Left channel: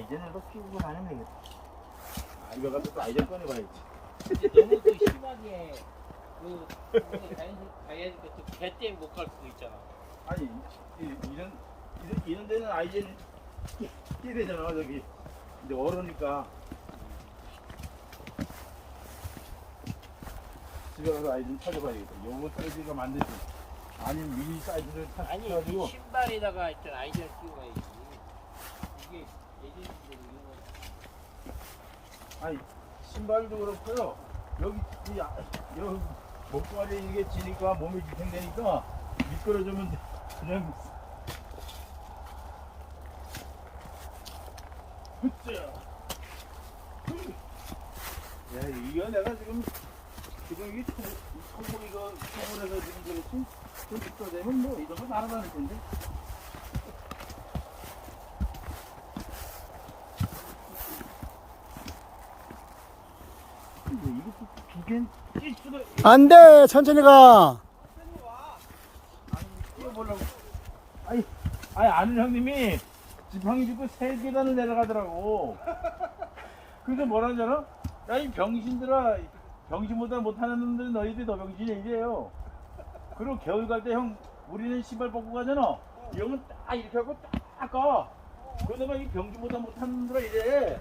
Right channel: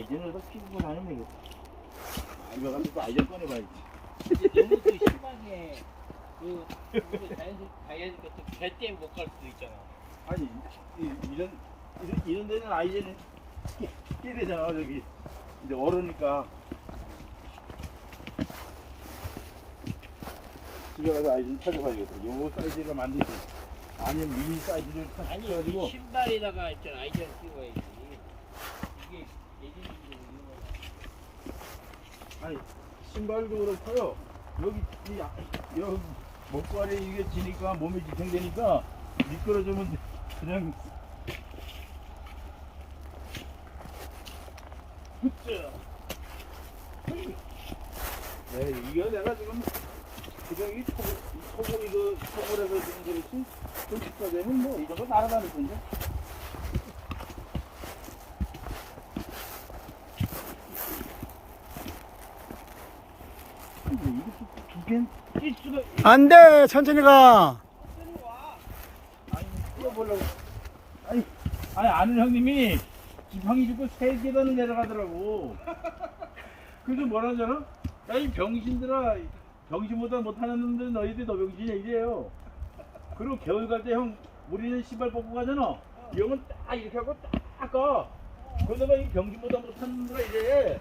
아이젠에서 피우고 다니면 되겠다. 아, 이거 가서 또 아이젠 꺼내봐야지. 근데 너무 또 심하게 그 자연스 자연스럽게 또개 때문에 못갈 수도 있잖아. 아니, 이, 이런, 이런, 이런 데는 아이젠이 끼 되잖아, 저기. 근데 얼으니까. 집에 가서 아이젠 찾아봐야겠다. 요거 사이즈가 만들지. 아니면 미니 사이즈를 아니 찾아가지고. 신발에다가 일단 아이디어 끼워야지. 이게 예전식으로 이거 아니 신발도 그렇고요 여기 이 아- 여기 목발에 이게 지니까 몸이 지탱되니까 미끄러지면 그냥 야 이거 내가 지금 이 토, 이 토목 이거 토목에서 지금 그렇지 흡수가 되면 뭐거 날아다닐 텐데. 이게 두개 뛸 수가 안 돼, 천천히 가. 아니 뛰어보려고 아니 아니 아는 형님이 지팡이 짚고 세 계단을 내려가더라고. 그래서 뭐라 하잖아? 야 이 병신들아 병신보다 못하는 놈들 너희들 더 병신이야 이래요. 그리고 겨울 갈 때 형 우리는 신발 벗고 가잖아. 이 형은 딱 이렇게 하고 딱 가. 그러다가 이 병신보다 못하는 놈들아 이래